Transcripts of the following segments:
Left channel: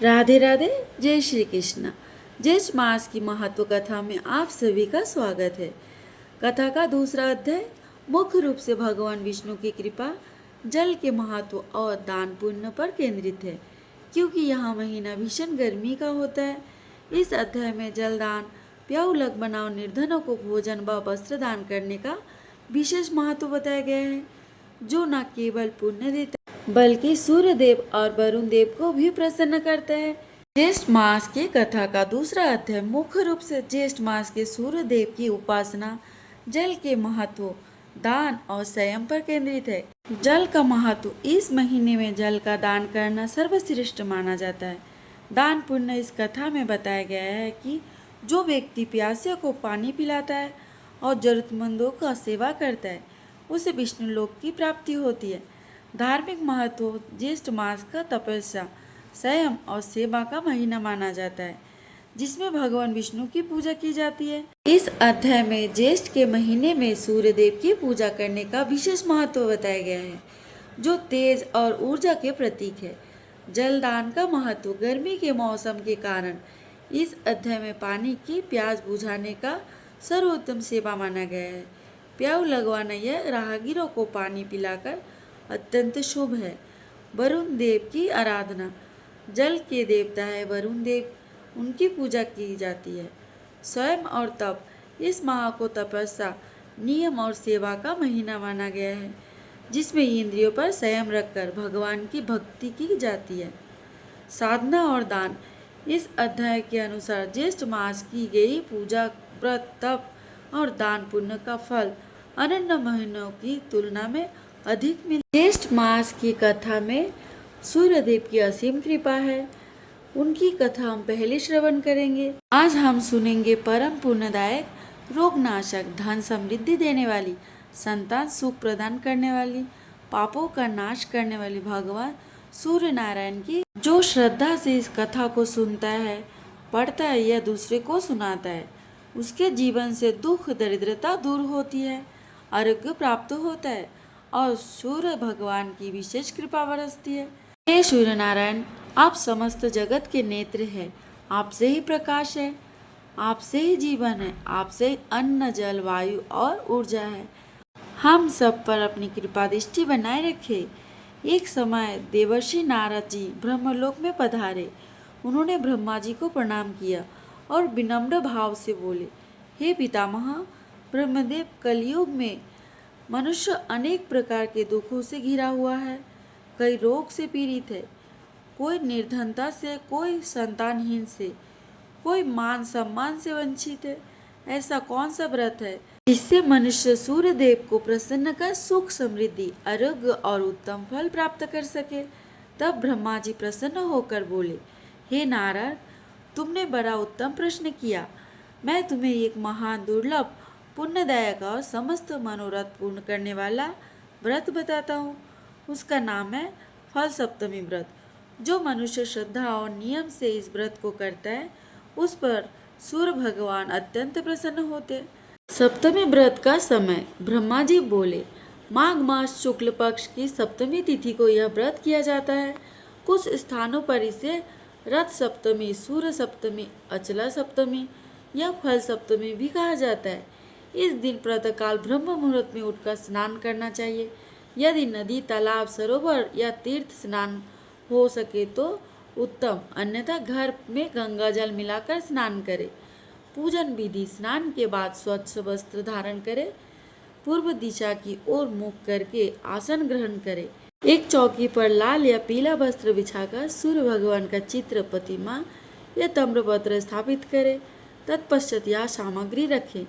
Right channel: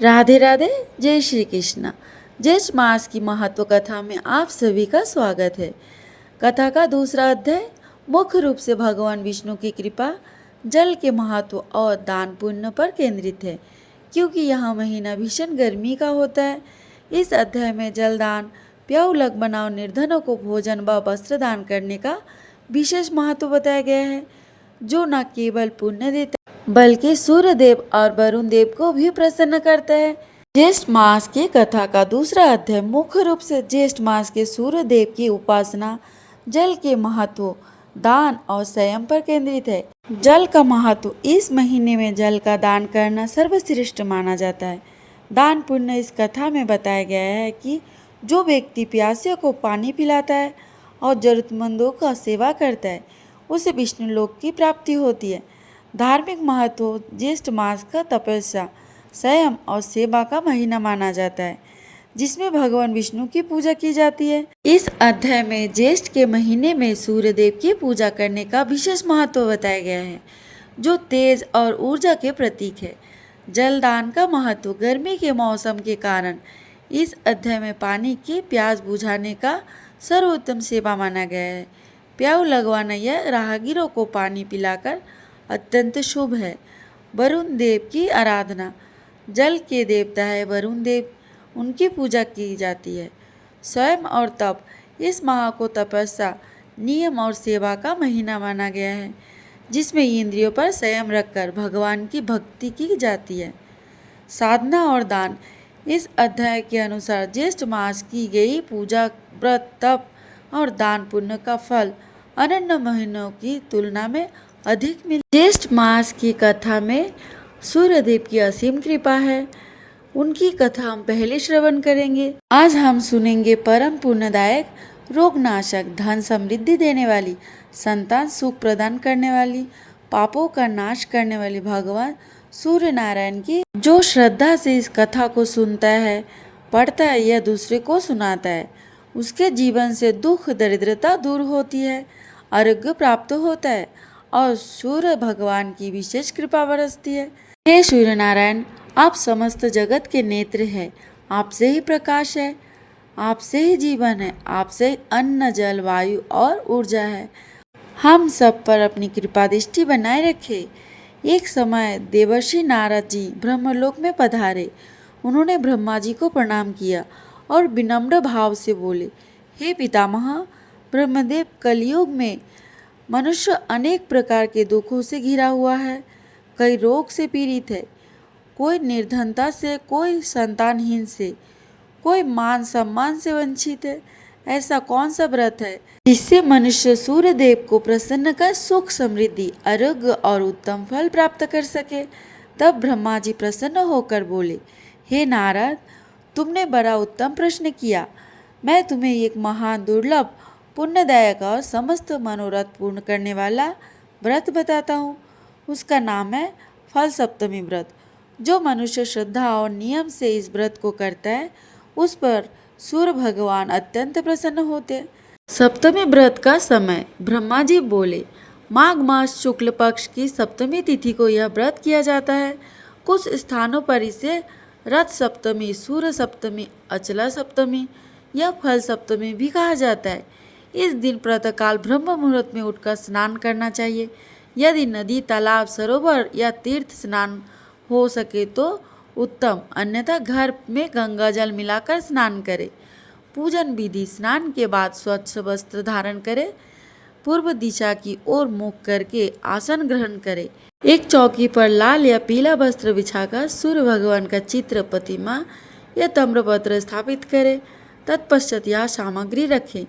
राधे राधे। जय श्री कृष्ण। ज्येष्ठ मास की महत्व कथा में आप सभी का स्वागत है। कथा का दूसरा अध्याय मुख्य रूप से भगवान विष्णु की कृपा, जल के महत्व और दान पुण्य पर केंद्रित है, क्योंकि यह महीना भीषण गर्मी का होता है। इस अध्याय में जल दान, प्याऊ लग बनाओ, निर्धनों को भोजन व वस्त्र दान करने का विशेष महत्व बताया गया है, जो न केवल पुण्य देता बल्कि सूर्य देव और वरुण देव को भी प्रसन्न करता है। ज्येष्ठ मास की कथा का दूसरा अध्याय मुख्य रूप से ज्येष्ठ मास के सूर्य देव की उपासना, जल के महत्व, दान और संयम पर केंद्रित है। जल का महत्व: इस महीने में जल का दान करना सर्वश्रेष्ठ माना जाता है। दान पुण्य: इस कथा में बताया गया है कि जो व्यक्ति प्यासियों को पानी पिलाता है और जरूरतमंदों का सेवा करता है, उसे विष्णु लोक की प्राप्ति होती है। धार्मिक महत्व: ज्येष्ठ मास का तपस्या, संयम और सेवा का महीना माना जाता है, जिसमें भगवान विष्णु की पूजा की जाती है। इस अध्याय में ज्येष्ठ के महीने में सूर्य देव की पूजा करने का विशेष महत्व बताया गया है, जो तेज और ऊर्जा के प्रतीक है। जलदान का महत्व: गर्मी के मौसम के कारण इस अध्याय में पानी की प्यास बुझाने का सर्वोत्तम सेवा माना गया है। प्याऊ लगवाना यह राहगीरों को पानी पिलाकर अत्यंत शुभ है। वरुण देव की आराधना: जल के देवता है वरुण देव, उनकी पूजा की जाती है। स्वयं और तप: इस माह को तपस्या, नियम और सेवा का महीना माना गया है, जिसमें इंद्रियों पर संयम रखकर भगवान की भक्ति की जाती है। साधना और दान: इस अध्याय के अनुसार ज्येष्ठ मास की गई पूजा, व्रत, तप और दान पुण्य का फल अन्य महीनों की तुलना में अधिक मिल। ज्येष्ठ मास की कथा में सूर्य देव की असीम कृपा है। उनकी कथा हम पहले श्रवण करेंगे। आज हम सुनेंगे परम पुण्यदायक, रोगनाशक, धन समृद्धि देने वाली, संतान सुख प्रदान करने वाली, पापों का नाश करने वाली भगवान सूर्य नारायण की। जो श्रद्धा से इस कथा को सुनता है, पढ़ता है या दूसरे को सुनाता है, उसके जीवन से दुख दरिद्रता दूर होती है, आरोग्य प्राप्त होता है और सूर्य भगवान की विशेष कृपा बरसती है। हे सूर्य नारायण, आप समस्त जगत के नेत्र हैं, आपसे ही प्रकाश है, आपसे ही जीवन है, आपसे ही अन्न, जल, वायु और ऊर्जा है। हम सब पर अपनी कृपा दृष्टि बनाए रखे। एक समय देवर्षि नारद जी ब्रह्मलोक में पधारे। उन्होंने ब्रह्मा जी को प्रणाम किया और विनम्र भाव से बोले, हे पितामह ब्रह्मदेव, कलयुग में मनुष्य अनेक प्रकार के दुखों से घिरा हुआ है। कई रोग से पीड़ित है, कोई निर्धनता से, कोई संतानहीन से, कोई मान सम्मान से वंचित है। ऐसा कौन सा व्रत है जिससे मनुष्य सूर्य देव को प्रसन्न कर सुख, समृद्धि, आरोग्य और उत्तम फल प्राप्त कर सके? तब ब्रह्मा जी प्रसन्न होकर बोले, हे नारद, तुमने बड़ा उत्तम प्रश्न किया। मैं तुम्हें एक महान, दुर्लभ, पुण्यदायक और समस्त मनोरथ पूर्ण करने वाला व्रत बताता हूँ। उसका नाम है फल सप्तमी व्रत। जो मनुष्य श्रद्धा और नियम से इस व्रत को करता है, उस पर सूर्य भगवान अत्यंत प्रसन्न होते हैं। सप्तमी व्रत का समय: ब्रह्मा जी बोले, माघ मास शुक्ल पक्ष की सप्तमी तिथि को यह व्रत किया जाता है। कुछ स्थानों पर इसे रथ सप्तमी, सूर्य सप्तमी, अचला सप्तमी या फल सप्तमी भी कहा जाता है। इस दिन प्रातःकाल ब्रह्म मुहूर्त में उठकर स्नान करना चाहिए। यदि नदी, तालाब, सरोवर या तीर्थ स्नान हो सके तो उत्तम, अन्यथा घर में गंगा जल मिलाकर स्नान करें। पूजन विधि: स्नान के बाद स्वच्छ वस्त्र धारण करें, पूर्व दिशा की ओर मुख करके आसन ग्रहण करें। एक चौकी पर लाल या पीला वस्त्र बिछाकर सूर्य भगवान का चित्र, प्रतिमा या ताम्रपत्र स्थापित करें। तत्पश्चात यह सामग्री रखें:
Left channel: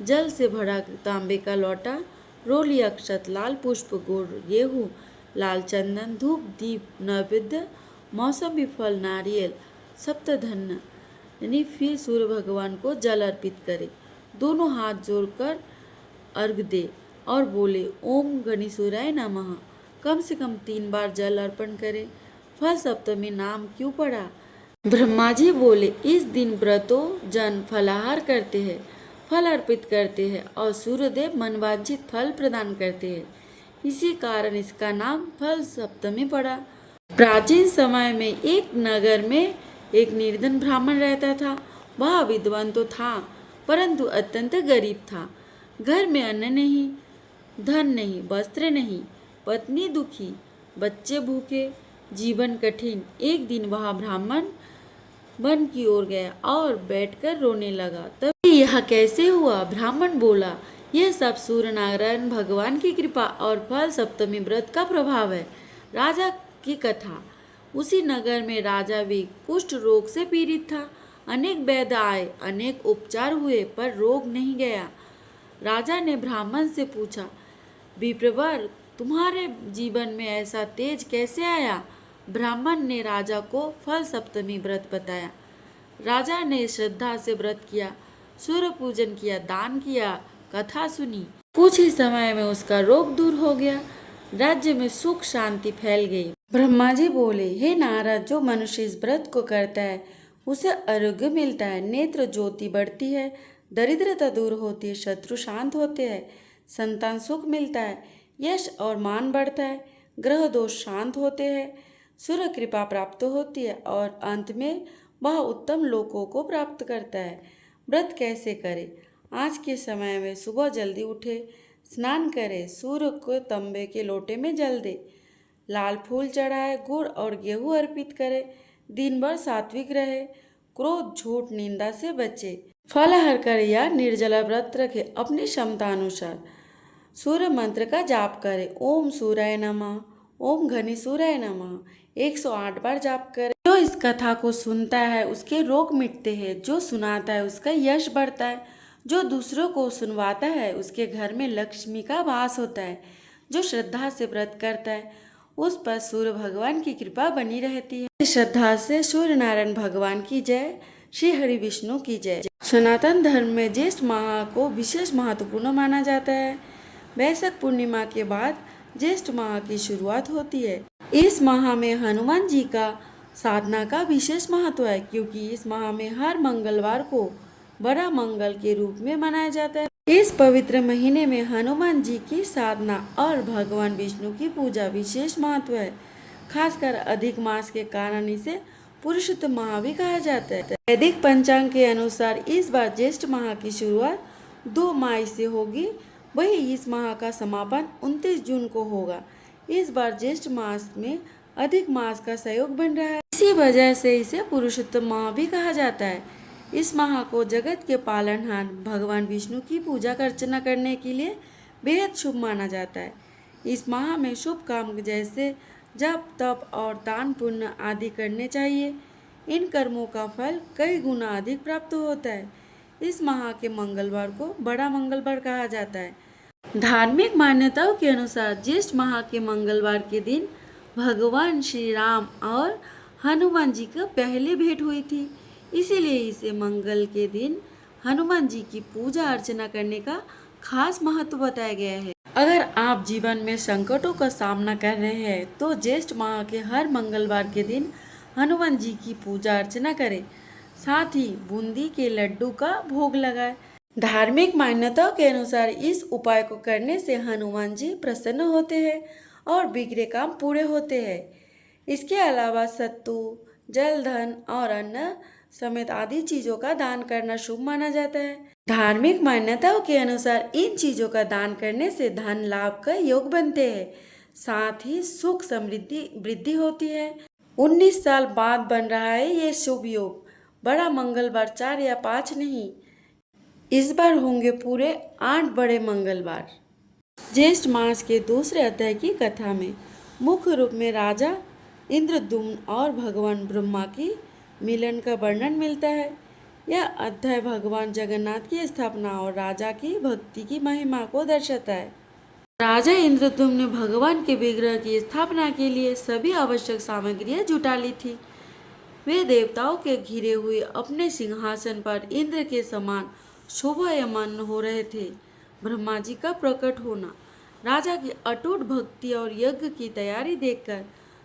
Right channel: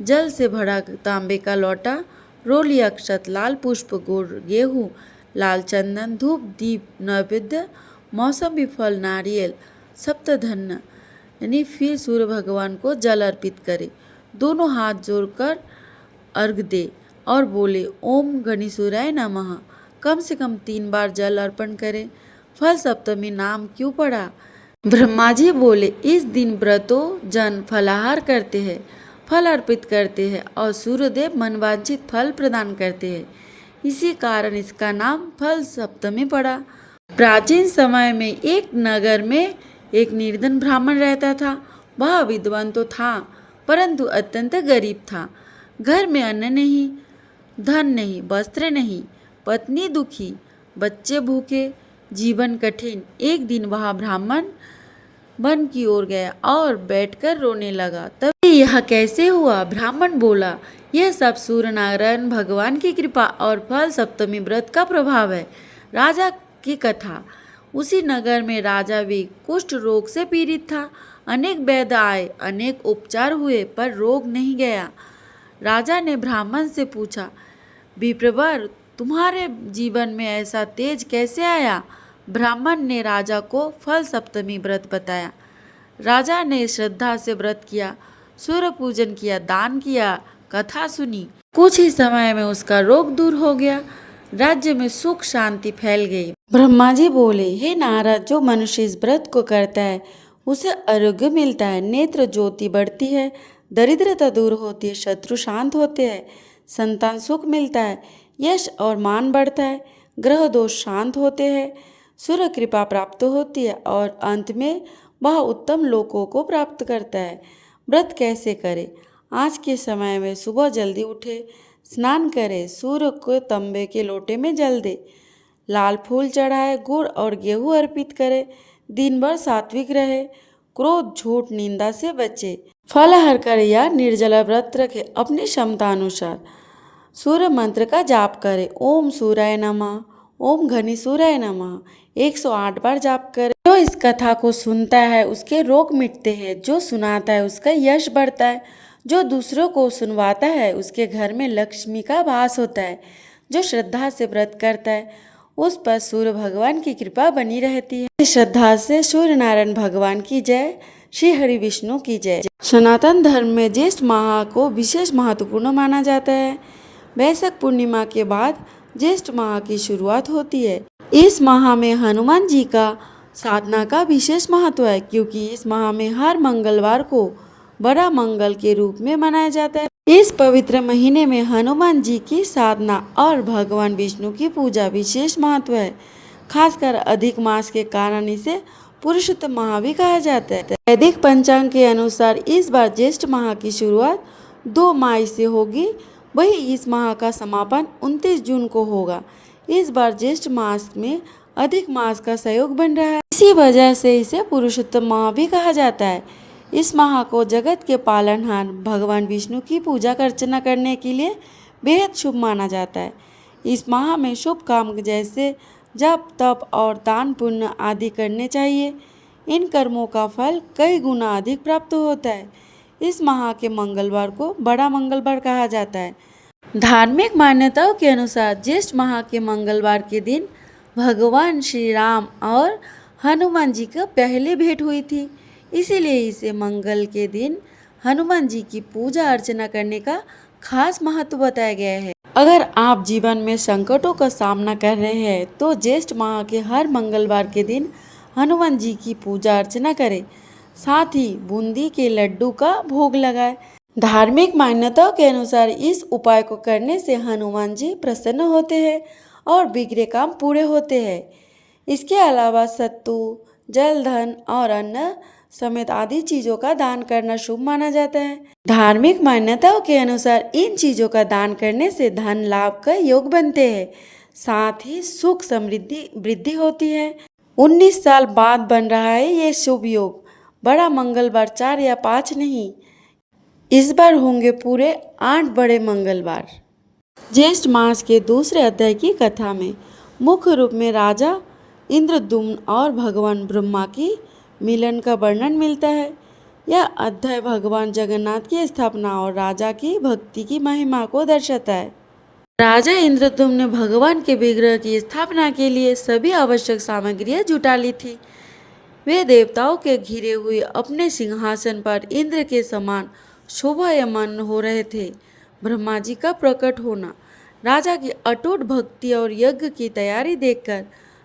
जल से भरा तांबे का लोटा, रोली, अक्षत, लाल पुष्प, गुड़, गेहूँ, लाल चंदन, धूप, दीप, नैवेद्य, मौसमी फल, नारियल, सप्तधन्य, यानी फिर सूर्य भगवान को जल अर्पित करें। दोनों हाथ जोड़कर अर्घ दे और बोले, ओम गणेशूराय नमः। कम से कम 3 बार जल अर्पण करें। फल सप्तमी नाम क्यों पड़ा? ब्रह्मा जी बोले, इस दिन व्रतों जन फलाहार करते हैं, फल अर्पित करते हैं और सूर्यदेव मनवांछित फल प्रदान करते हैं। इसी कारण इसका नाम फल सप्तमी पड़ा। प्राचीन समय में एक नगर में एक निर्धन ब्राह्मण रहता था। वह विद्वान तो था, परंतु अत्यंत गरीब था। घर में अन्न नहीं, धन नहीं, वस्त्र नहीं, पत्नी दुखी, बच्चे भूखे, जीवन कठिन। एक दिन वह ब्राह्मण वन की ओर गया और बैठकर रोने लगा। तभी यह कैसे हुआ? ब्राह्मण बोला, यह सब सूर्य नारायण भगवान की कृपा और फल सप्तमी व्रत का प्रभाव है। राजा की कथा। उसी नगर में राजा भी कुष्ठ रोग से पीड़ित था। अनेक वैद्य आए, अनेक उपचार हुए, पर रोग नहीं गया। राजा ने ब्राह्मण से पूछा, विप्रवर, तुम्हारे जीवन में ऐसा तेज कैसे आया? ब्राह्मण ने राजा को फल सप्तमी व्रत बताया। राजा ने श्रद्धा से व्रत किया, सूर्य पूजन किया, दान किया, कथा सुनी। कुछ ही समय में उसका रोग दूर हो गया। राज्य में सुख शांति फैल गई। ब्रह्मा जी बोले, हे नारद, जो मनुष्य इस व्रत को करता है उसे आरोग्य मिलता है, नेत्र ज्योति बढ़ती है, दरिद्रता दूर होती है, शत्रु शांत होते हैं, संतान सुख मिलता है, यश और मान बढ़ता है, ग्रह दोष शांत होते हैं, सूर्य कृपा प्राप्त होती है और अंत में वह उत्तम लोकों को प्राप्त करता है। व्रत कैसे करें? आज के समय में सुबह जल्दी उठे, स्नान करे, सूर्य को तांबे के लोटे में जल दे, लाल फूल चढ़ाए, गुड़ और गेहूं अर्पित करे, दिन भर सात्विक रहे, क्रोध झूठ निंदा से बचे, फलाहार करे या निर्जला व्रत रखे, अपनी क्षमता अनुसार सूर्य मंत्र का जाप करे। ओम सूर्याय नमः, ओम घनी सूर्याय नमः 108 बार जाप करे। जो इस कथा को सुनता है उसके रोग मिटते हैं, जो सुनाता है उसका यश बढ़ता है, जो दूसरों को सुनवाता है उसके घर में लक्ष्मी का वास होता है, जो श्रद्धा से व्रत करता है उस पर सूर्य भगवान की कृपा बनी रहती है। श्रद्धा से सूर्य नारायण भगवान की जय, श्री हरि विष्णु की जय। सनातन धर्म में ज्येष्ठ माह को विशेष महत्वपूर्ण माना जाता है। वैशाख पूर्णिमा के बाद ज्येष्ठ माह की शुरुआत होती है। इस माह में हनुमान जी का साधना का विशेष महत्व है, क्योंकि इस माह में हर मंगलवार को बड़ा मंगल के रूप में मनाया जाता है। इस पवित्र महीने में हनुमान जी की साधना और भगवान विष्णु की पूजा विशेष महत्व है। खासकर अधिक मास के कारण इसे पुरुषोत्तम माह भी कहा जाता है। वैदिक पंचांग के अनुसार इस बार ज्येष्ठ माह की शुरुआत 2 मई से होगी, वही इस माह का समापन 29 जून को होगा। इस बार ज्येष्ठ मास में अधिक मास का सहयोग बन रहा है, इसी वजह से इसे पुरुषोत्तम माह भी कहा जाता है। इस माह को जगत के पालनहार भगवान विष्णु की पूजा अर्चना करने के लिए बेहद शुभ माना जाता है। इस माह में शुभ काम जैसे जप, तप और दान पुण्य आदि करने चाहिए। इन कर्मों का फल कई गुना अधिक प्राप्त होता है। इस माह के मंगलवार को बड़ा मंगलवार कहा जाता है। धार्मिक मान्यताओं के अनुसार ज्येष्ठ माह के मंगलवार के दिन भगवान श्री राम और हनुमान जी का पहले भेंट हुई थी, इसीलिए इसे मंगल के दिन हनुमान जी की पूजा अर्चना करने का खास महत्व बताया गया है। अगर आप जीवन में संकटों का सामना कर रहे हैं तो ज्येष्ठ माह के हर मंगलवार के दिन हनुमान जी की पूजा अर्चना करें, साथ ही बूंदी के लड्डू का भोग लगाएं। धार्मिक मान्यताओं के अनुसार इस उपाय को करने से हनुमान जी प्रसन्न होते हैं और बिगड़े काम पूरे होते हैं। इसके अलावा सत्तू, जल, धन और अन्न समेत आदि चीजों का दान करना शुभ माना जाता है। धार्मिक मान्यताओं के अनुसार इन चीजों का दान करने से धन लाभ का योग बनते हैं, साथ ही सुख समृद्धि वृद्धि होती है। 19 साल बाद बन रहा है ये शुभ योग। बड़ा मंगलवार 4 या 5 नहीं, इस बार होंगे पूरे 8 बड़े मंगलवार। ज्येष्ठ मास के दूसरे अध्याय की कथा में मुख्य रूप में राजा इंद्रद्युम्न और भगवान ब्रह्मा की मिलन का वर्णन मिलता है। यह अध्याय भगवान जगन्नाथ की स्थापना और राजा की भक्ति की महिमा को दर्शाता है। राजा इंद्रद्युम्न ने भगवान के विग्रह की स्थापना के लिए सभी आवश्यक सामग्रियां जुटा ली थी। वे देवताओं के घिरे हुए अपने सिंहासन पर इंद्र के समान शोभायमान हो रहे थे। ब्रह्मा जी का प्रकट होना, राजा की अटूट भक्ति और यज्ञ की तैयारी देखकर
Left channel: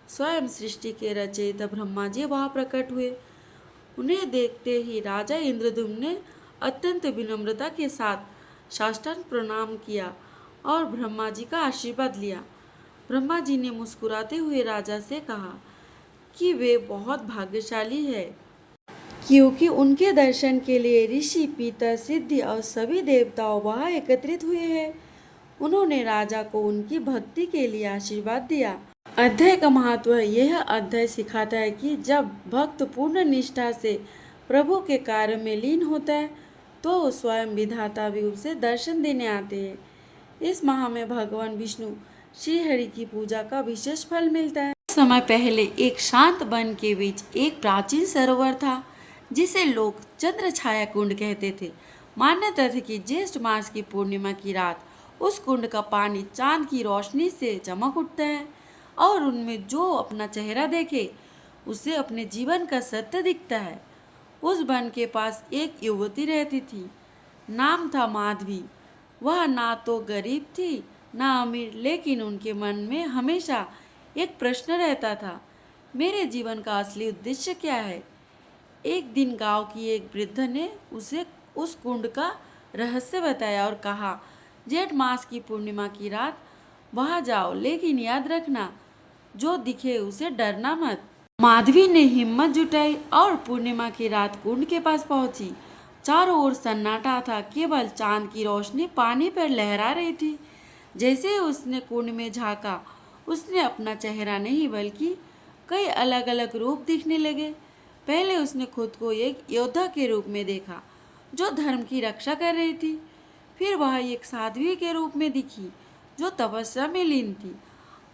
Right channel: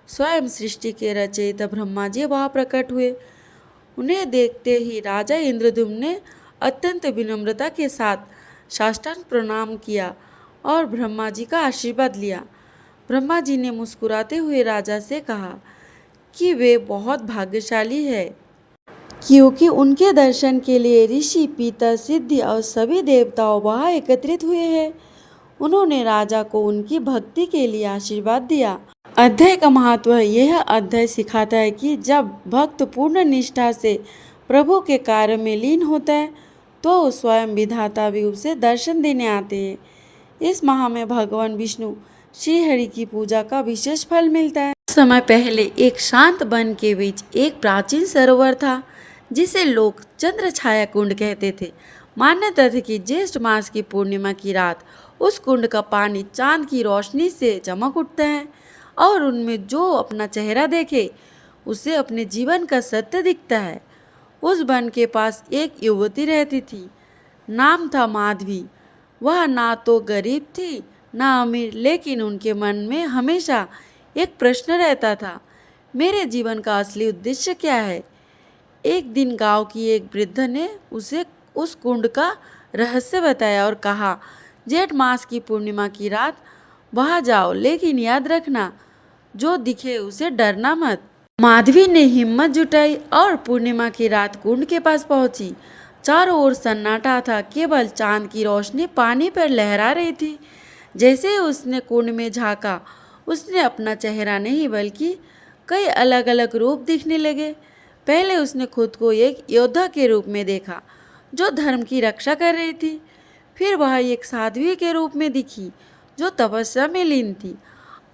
स्वयं सृष्टि के रचयिता ब्रह्मा जी वहाँ प्रकट हुए। उन्हें देखते ही राजा इंद्रद्युम्न ने अत्यंत विनम्रता के साथ साष्टांग प्रणाम किया और ब्रह्मा जी का आशीर्वाद लिया। ब्रह्मा जी ने मुस्कुराते हुए राजा से कहा, कि वे बहुत भाग्यशाली है, क्योंकि उनके दर्शन के लिए ऋषि, पितर, सिद्धि और सभी देवताओं वहां एकत्रित हुए हैं। उन्होंने राजा को उनकी भक्ति के लिए आशीर्वाद दिया। अध्याय का महत्व है। यह अध्याय सिखाता है कि जब भक्त पूर्ण निष्ठा से प्रभु के कार्य में लीन होता है तो स्वयं विधाता भी उसे दर्शन देने आते हैं। इस माह में भगवान विष्णु श्री हरि की पूजा का विशेष फल मिलता है। कुछ समय पहले एक शांत वन के बीच एक प्राचीन सरोवर था जिसे लोग चंद्र छाया कुंड कहते थे। मान्यता थी कि ज्येष्ठ मास की पूर्णिमा की रात उस कुंड का पानी चांद की रोशनी से चमक उठता है और उनमें जो अपना चेहरा देखे उसे अपने जीवन का सत्य दिखता है। उस वन के पास एक युवती रहती थी, नाम था माधवी। वह ना तो गरीब थी ना अमीर, लेकिन उनके मन में हमेशा एक प्रश्न रहता था, मेरे जीवन का असली उद्देश्य क्या है। एक दिन गांव की एक वृद्ध ने उसे उस कुंड का रहस्य बताया और कहा, जेठ मास की पूर्णिमा की रात वहां जाओ, लेकिन याद रखना जो दिखे उसे डरना मत। माधवी ने हिम्मत जुटाई और पूर्णिमा की रात कुंड के पास पहुंची। चारों ओर सन्नाटा था, केवल चांद की रोशनी पानी पर लहरा रही थी। जैसे ही उसने कुंड में झांका, उसने अपना चेहरा नहीं बल्कि कई अलग अलग रूप दिखने लगे। पहले उसने खुद को एक योद्धा के रूप में देखा जो धर्म की रक्षा कर रही थी। फिर वह एक साध्वी के रूप में दिखी जो तपस्या में लीन थी,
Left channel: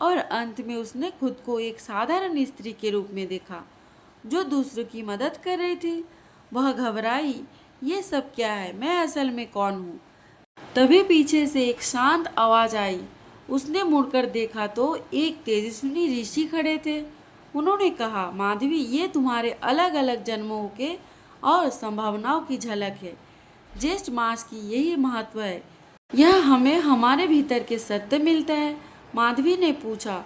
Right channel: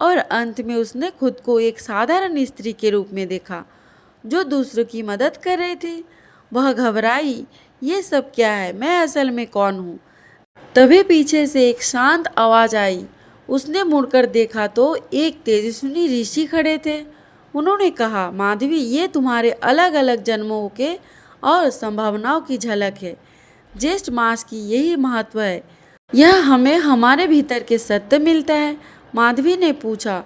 और अंत में उसने खुद को एक साधारण स्त्री के रूप में देखा जो दूसरों की मदद कर रही थी। वह घबराई, ये सब क्या है, मैं असल में कौन हूँ। तभी पीछे से एक शांत आवाज आई। उसने मुड़कर देखा तो एक तेजस्वी ऋषि खड़े थे। उन्होंने कहा, माधवी, ये तुम्हारे अलग अलग जन्मों के और संभावनाओं की झलक है। ज्येष्ठ मास की यही महत्व है, यह हमें हमारे भीतर के सत्य मिलता है। माधवी ने पूछा,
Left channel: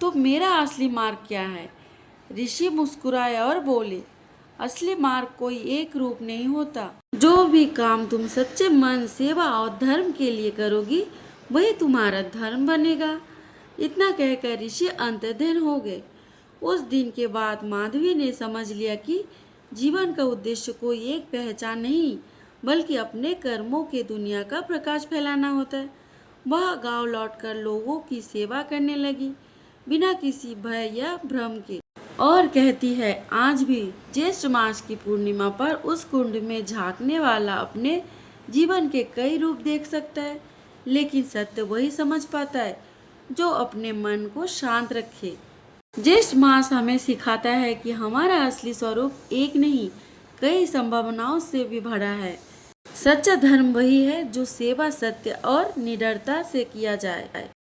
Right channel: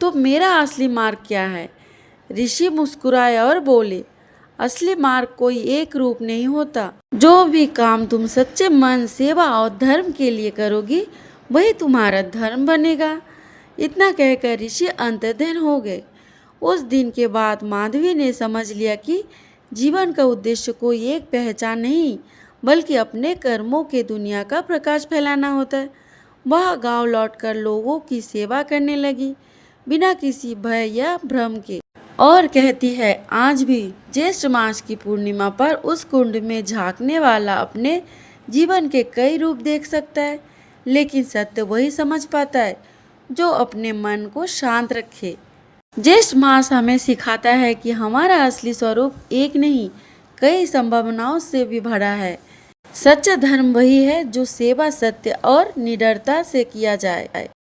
तो मेरा असली मार्ग क्या है। ऋषि मुस्कुराए और बोले, असली मार्ग कोई एक रूप नहीं होता। जो भी काम तुम सच्चे मन, सेवा और धर्म के लिए करोगी वही तुम्हारा धर्म बनेगा। इतना कहकर ऋषि अंतर्ध्यान हो गए। उस दिन के बाद माधवी ने समझ लिया कि जीवन का उद्देश्य कोई एक पहचान नहीं बल्कि अपने कर्मों के दुनिया का प्रकाश फैलाना होता है। वह गांव लौटकर लोगों की सेवा करने लगी बिना किसी भय या भ्रम के, और कहती है, आज भी ज्येष्ठ मास की पूर्णिमा पर उस कुंड में झांकने वाला अपने जीवन के कई रूप देख सकता है, लेकिन सत्य वही समझ पाता है जो अपने मन को शांत रखे। ज्येष्ठ मास हमें सिखाता है कि हमारा असली स्वरूप एक नहीं, कई संभावनाओं से भी भरा है। सच्चा धर्म वही है जो सेवा, सत्य और निडरता से किया जाए।